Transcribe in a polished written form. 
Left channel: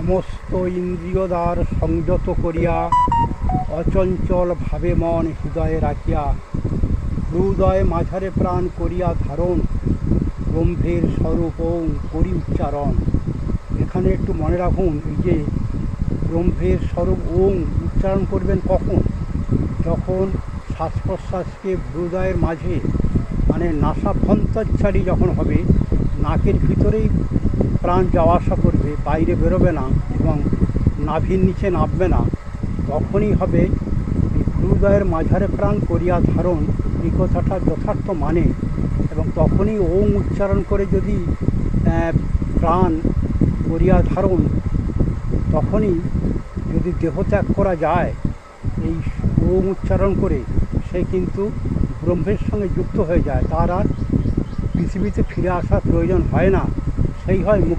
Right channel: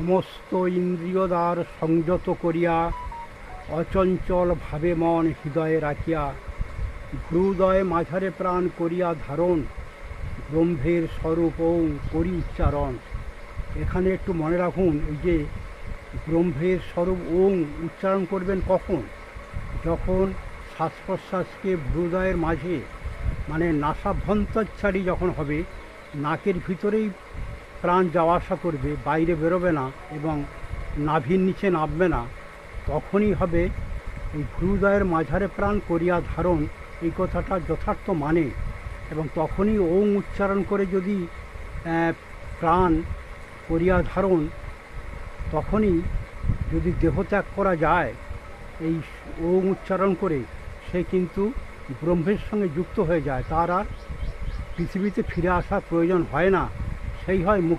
সমস্ত ইন্দ্রিয় দ্বার সংযত করিয়া অচঞ্চল ভাবে মন হৃদয়ে রাখিয়া হৃদয় মাঝারে প্রাণ করিয়া ধারণ ব্রহ্মের স্বরূপ ওং করি উচ্চারণ। এখানে একটু মনে রাখুন, এই যে ব্রহ্মের স্বরূপ ওং উচ্চারণ করবেন কখন? যখন শ্বাস প্রশ্বাসকে হৃদয়ের মাঝে মানে নাসাভ্যন্তরচারী যখন হবে, নাকের ভিতরেই প্রাণ যাওয়া আসা করবে, বাইরে বেরোবে না এবং নাভির নিচে নামবে না, তখনই হবে এই হৃদয়ের মাঝারে প্রাণ করিয়া ধারণ। এই কথাটা যথার্থ মানে, এবং তখনই ওং উচ্চারণ করে যদি প্রাণ করিয়া ধারণ, তখনই যদি দেহত্যাগ করা যায় এই ওং উচ্চারণ করে, সে কিন্তু ব্রহ্মের সঙ্গে যুক্ত হয়ে যায়, তার আর পৃথিবীতে ফিরে আসার প্রয়োজন হয় না, সেই হয় মুক্তি।